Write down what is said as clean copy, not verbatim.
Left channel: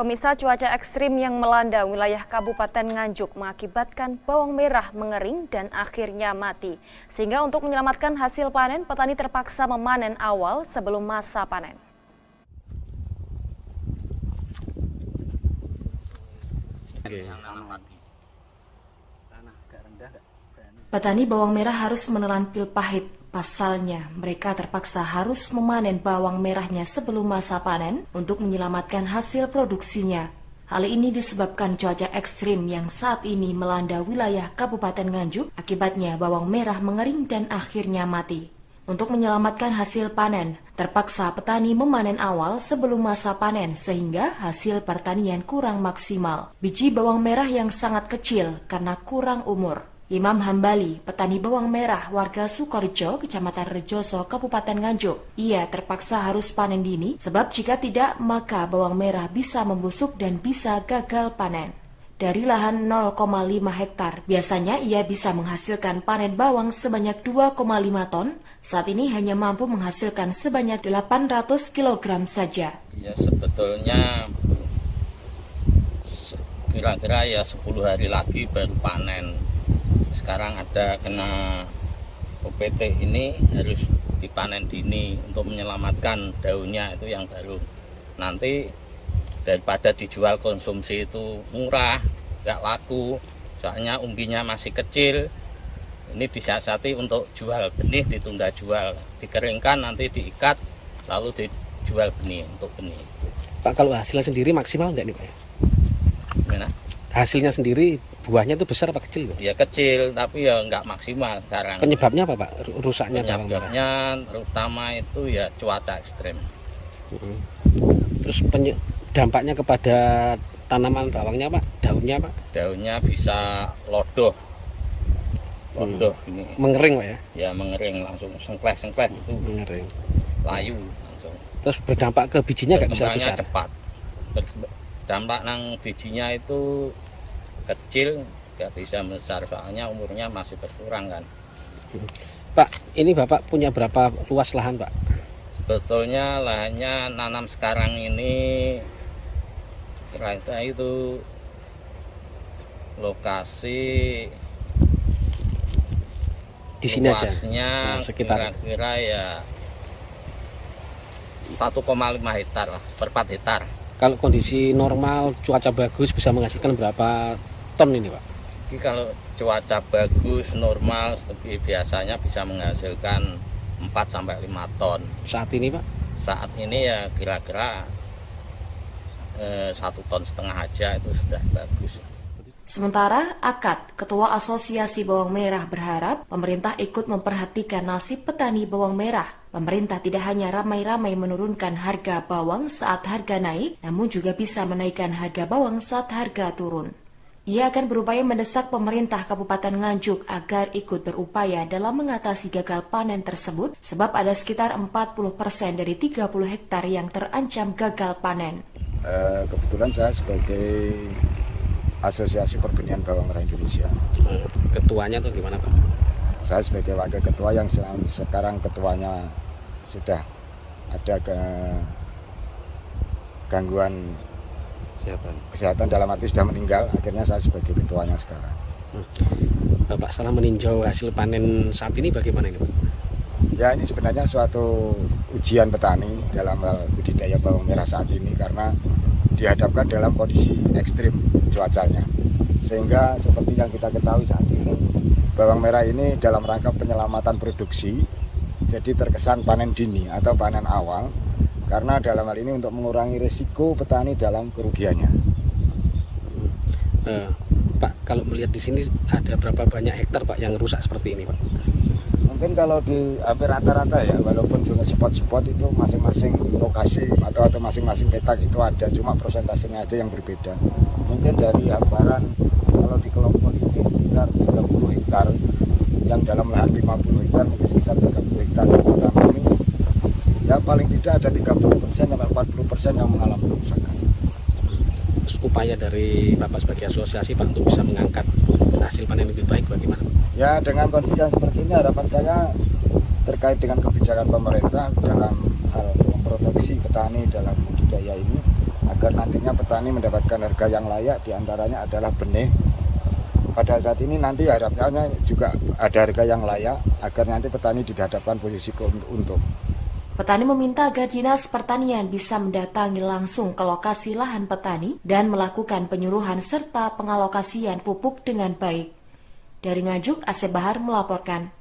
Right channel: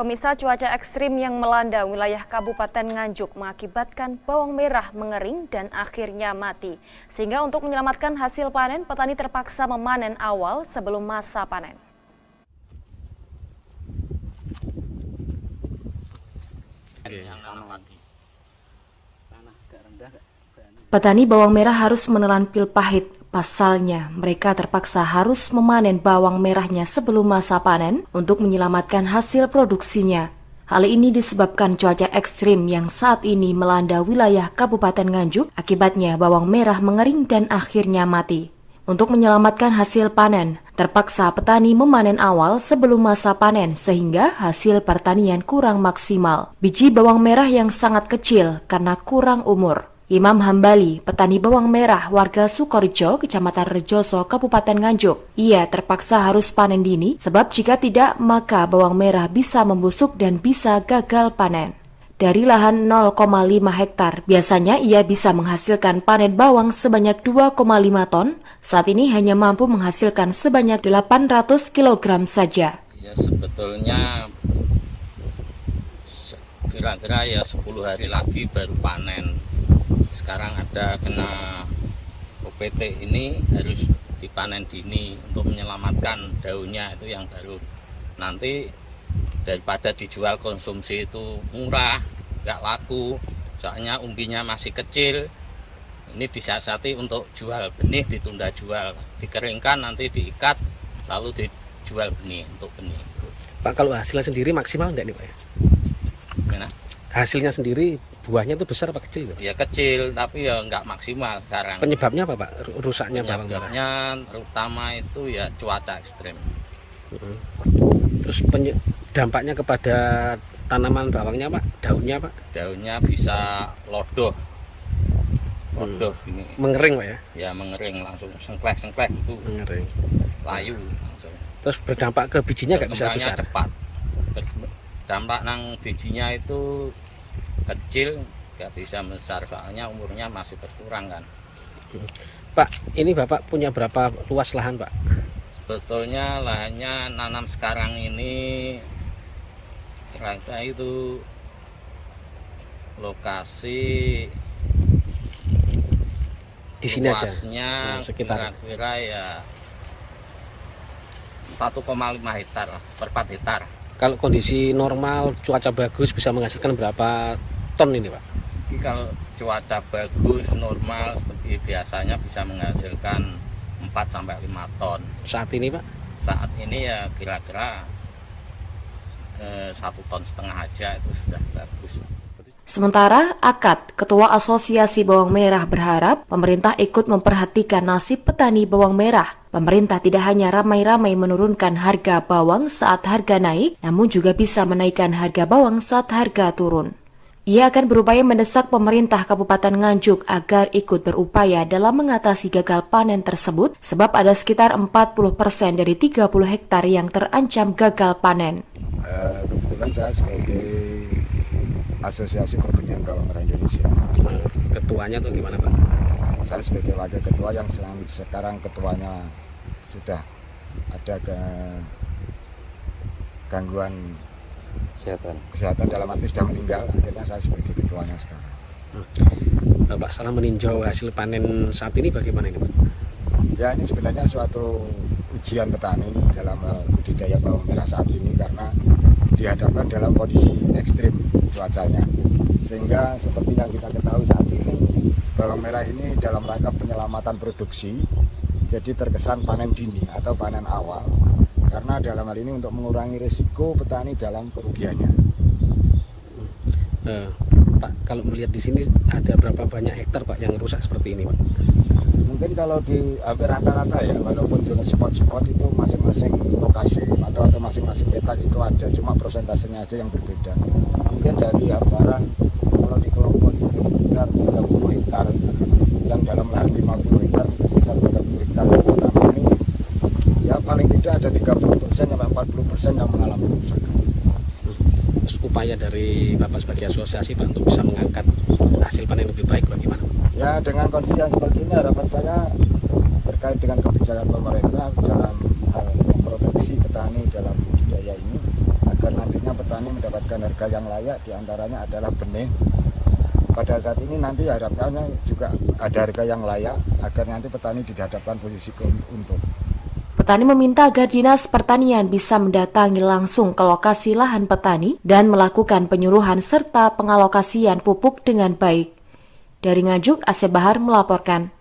Pemirsa, cuaca ekstrim yang melanda wilayah Kabupaten Nganjuk mengakibatkan bawang merah mengering dan akhirnya mati. Sehingga untuk menyelamatkan hasil panen, petani terpaksa memanen awal sebelum masa panen. Petani bawang merah harus menelan pil pahit. Pasalnya, mereka terpaksa harus memanen bawang merahnya sebelum masa panen untuk menyelamatkan hasil produksinya. Hal ini disebabkan cuaca ekstrim yang saat ini melanda wilayah Kabupaten Nganjuk. Akibatnya bawang merah mengering dan akhirnya mati. Untuk menyelamatkan hasil panen, terpaksa petani memanen awal sebelum masa panen sehingga hasil pertanian kurang maksimal. Biji bawang merah yang sangat kecil karena kurang umur. Imam Hambali, petani bawang merah warga Sukorejo, Kecamatan Rejoso, Kabupaten Nganjuk. Ia terpaksa harus panen dini sebab jika tidak maka bawang merah bisa membusuk dan bisa gagal panen. Dari lahan 0,5 hektar, biasanya ia bisa menghasilkan panen bawang sebanyak 2,5 ton. Saat ini hanya mampu menghasilkan sebanyak 800 kg saja. Ya sebetulnya kira-kira ya 10 hari lagi baru panen. Sekarang ada kena OPT ini harus dipanen dini untuk menyelamatkan daunnya itu yang baru. Nanti daripada dijual konsumsi itu murah, nggak laku, soalnya umbinya masih kecil. Ini disiasati untuk jual benih, ditunda jual, dikeringkan nanti diikat lalu dijual benih untuk benih. Pak, kalau hasilnya sendiri maksimal enggak nih Pak ya? Gimana? Hasilnya sendiri buahnya itu besar apa kecil? Pak? Ya kecil tapi ya nggak maksimal sekarang. Penyebabnya apa Pak? Rusaknya bawang merah? Penyebabnya terutama itu ya cuaca ekstrim. Terus dampaknya kepada tanaman bawangnya Pak? Daunnya Pak? Daunnya bisa lodoh. Lodoh ini. Mengering Pak ya? Ya mengering langsung sengkleh itu. Mengering. Layu langsung. Terus berdampak ke bijinya nggak bisa besar? Cepat. Dampak nang bijinya itu kecil, nggak bisa besar soalnya umurnya masih berkurang kan. Pak, ini Bapak punya berapa luas lahan Pak? Sebetulnya lahannya nanam sekarang ini kira-kira itu lokasi di sini aja. Luasnya sekitar kira-kira ya 1,5 hektar lah, per 4 hektar. Kalau kondisi normal, cuaca bagus bisa menghasilkan berapa ton ini Pak? Jadi kalau cuaca bagus, normal, biasanya bisa menghasilkan 4-5 ton. Saat ini Pak? Saat ini ya kira-kira 1,5 ton aja itu sudah bagus. Sementara Akad, Ketua Asosiasi Bawang Merah berharap pemerintah ikut memperhatikan nasib petani bawang merah. Pemerintah tidak hanya ramai-ramai menurunkan harga bawang saat harga naik, namun juga bisa menaikkan harga bawang saat harga turun. Ia akan berupaya mendesak pemerintah Kabupaten Nganjuk agar ikut berupaya dalam mengatasi gagal panen tersebut, sebab ada sekitar 40% dari 30 hektar yang terancam gagal panen. Kebetulan saya sebagai Asosiasi Pertanian Bawang Merah Indonesia. Ketuanya tuh gimana Pak? Saya sebagai wakil ketua yang sekarang ketuanya sudah ada gangguan kesehatan dalam arti sudah meninggal, akhirnya saya sebagai ketuanya sekarang. Pak, setelah meninjau hasil panen saat ini bagaimana ini Pak? Ya ini sebenarnya suatu ujian petani dalam hal budidaya bawang merah saat ini karena dihadapkan dalam kondisi ekstrim cuacanya, sehingga seperti yang kita ketahui saat ini bawang merah ini dalam rangka penyelamatan produksi jadi terkesan panen dini atau panen awal, karena dalam hal ini untuk mengurangi risiko petani dalam kerugiannya. Pak, kalau melihat di sini ada berapa banyak hektar Pak yang rusak seperti ini Pak? Mungkin kalau di hampir rata-rata ya, walaupun juga spot-spot itu masing-masing lokasi atau masing-masing petak itu ada, cuma persentasenya aja yang berbeda. Mungkin dari hamparan kalau di kelompok ini sekitar 30 hektar, yang dalam lahan 50 hektar mungkin sekitar 30 hektar utama ini, ya paling tidak ada 30% sampai 40% yang mengalami kerusakan. Terus upaya dari Bapak sebagai asosiasi Pak untuk bisa mengangkat hasil panen lebih baik bagaimana Pak? Ya dengan kondisi yang seperti ini harapan saya terkait dengan kebijakan pemerintah dalam hal memproteksi petani dalam budidaya ini agar nantinya petani mendapatkan harga yang layak, diantaranya adalah benih. Pada saat ini nanti harapannya juga ada harga yang layak agar nanti petani dihadapkan posisi untung. Petani meminta agar Dinas Pertanian bisa mendatangi langsung ke lokasi lahan petani dan melakukan penyuluhan serta pengalokasian pupuk dengan baik. Dari Nganjuk, Asep Bahar melaporkan.